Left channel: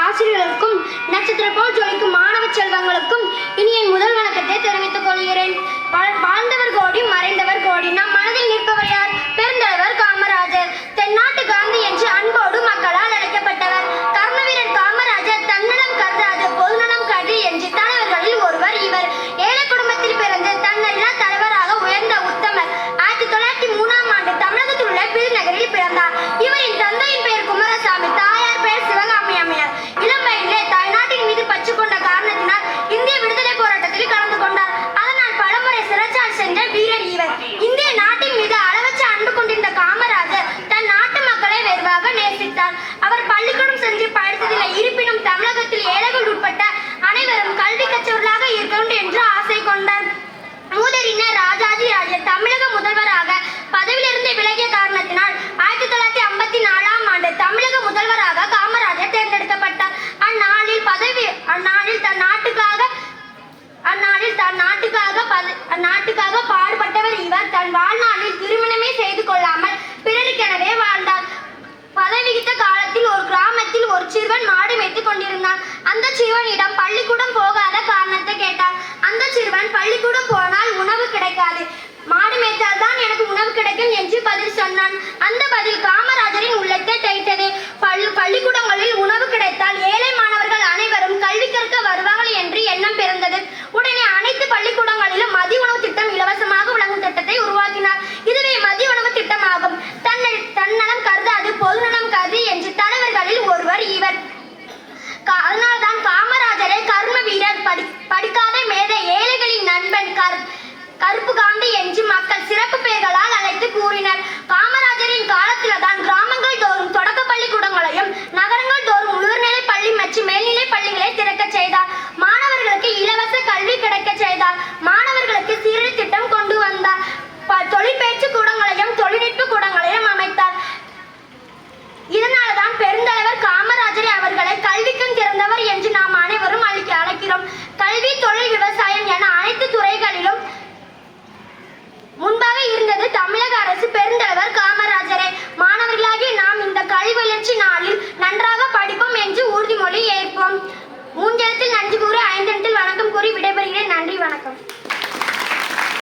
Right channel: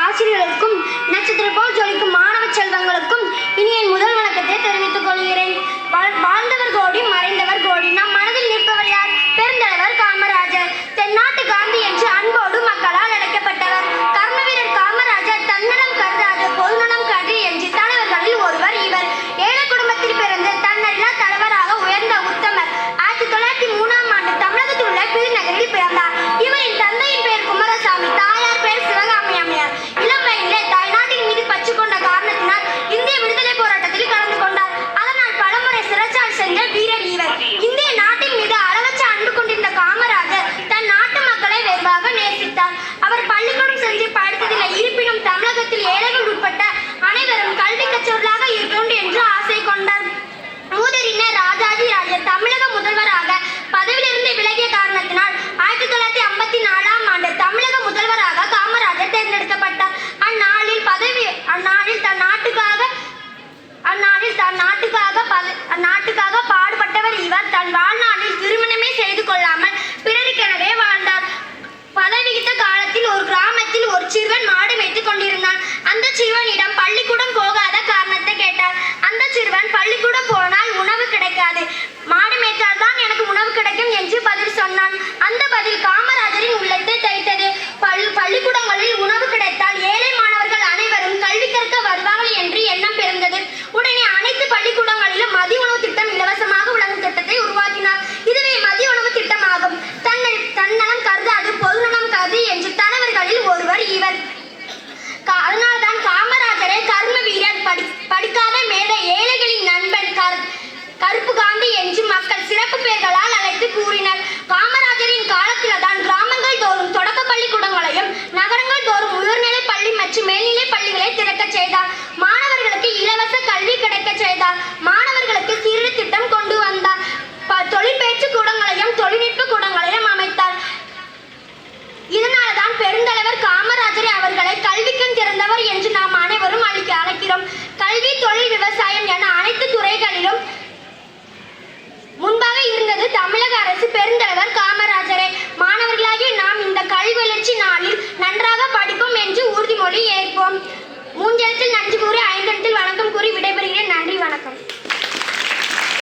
ஆசிரியர்களுக்கும் நட்சத்திர போல் ஜொலிக்கும் மாணவ செல்வங்களுக்கும் இருக்க வேண்டும் என்று ஆசை கொண்டார். ஊதறிஞர் ராஜாஜி ராஜர் தமிழக முதல்வராக பதவியிலிருந்து விலகிய காரணத்தினால் ஆயிரத்தி தொள்ளாயிரத்தி ஐம்பத்தி நாலாம் ஆண்டு தமிழக முதல்வராக காமராஜர் தேர்ந்தெடுக்கப்பட்டார். அந்நாளில் பதவி அந்நாளில் தன் நாட்டுக்காக அந்நாளில் தன் நாட்டுக்காக அந்நாட்டுக்காக பாடுபட்டவர் இவர். தன் வாழ்நாளில் திருமணமே செய்து கொள்ளாமல் பிறருக்கெனவே வாழ்ந்தார். பதவிகித்த காலத்தில் ஒரு கிராமத்தில் ஒரு சிறுவன் மாடு மேய்த்து கொண்டிருந்தான். அந்த சிறுவனிடம் பள்ளிக்கூடம் பெருந்தலைவர் காமராஜர் அவர்களை கல்விக்கண் திறந்தவர் என்று நாம் அனைவரும் அழைக்கிறோம். கல்வி தொழில் விவசாயம் என அனைத்து துறைகளிலும் முன்பாக இருந்தது தமிழக அரசு பெருந்தலைவர் காமராஜரை. மாணவர்களாகிய நாம் இந்த கல்வி வளர்ச்சி நாளில் நன்றாக படிப்போம் என்று உறுதிமொழி ஏற்போம். மூன்றத்தில் நன்றி கூறி ஐந்திடத்தில் வணக்கம் கூறி விடைபெறுகிறேன். நன்றி வணக்கம்.